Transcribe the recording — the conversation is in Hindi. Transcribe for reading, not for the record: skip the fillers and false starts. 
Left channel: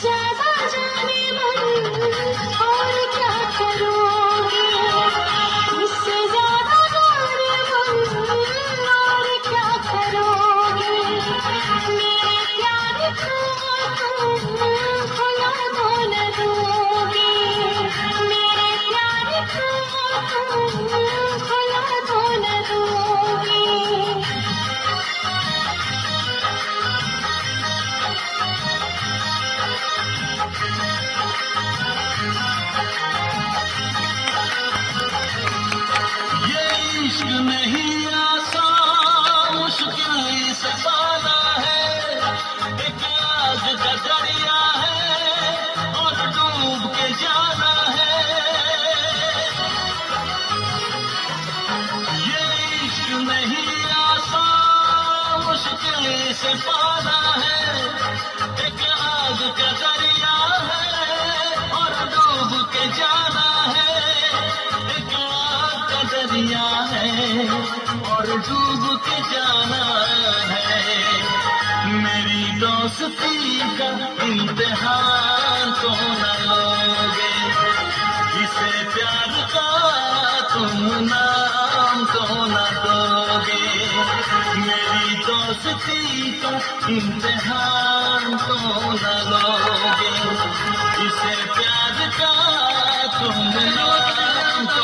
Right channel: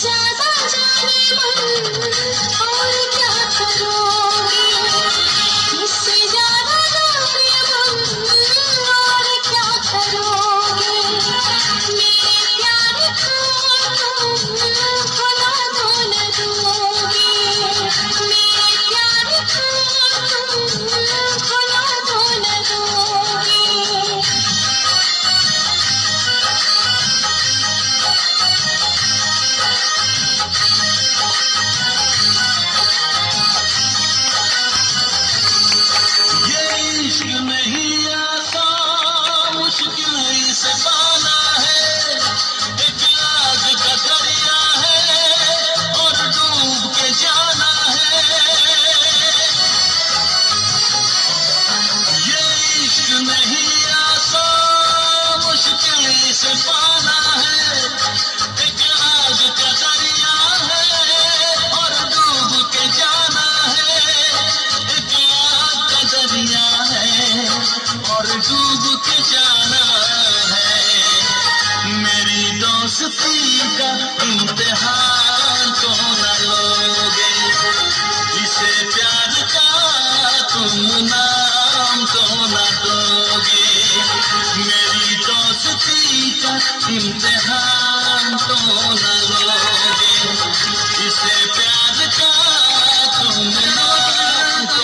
ज्यादा जाने मन और क्या करोगे, इससे ज्यादा जाने मन और क्या करोगे। मेरे प्यार को तुम भुला दो न दोगे, मेरे प्यार को तुम भुला दो न दोगे। इश्क नहीं आसान, मुश्किल से पाना है, एक आग का दरिया है और डूब के जाना है। ये इश्क नहीं आसान, मुश्किल से पाना है, एक आग का दरिया है और डूब के जाना है। एक आग का दरिया है और डूब के जाना है। मेरी दोस्ती का इम्तिहान तो न लोगे, इसे प्यार का तुम नाम तो न दोगे। मेरी दोस्ती का इम्तिहान तो न लोगे, इसे प्यार का तुम नाम तो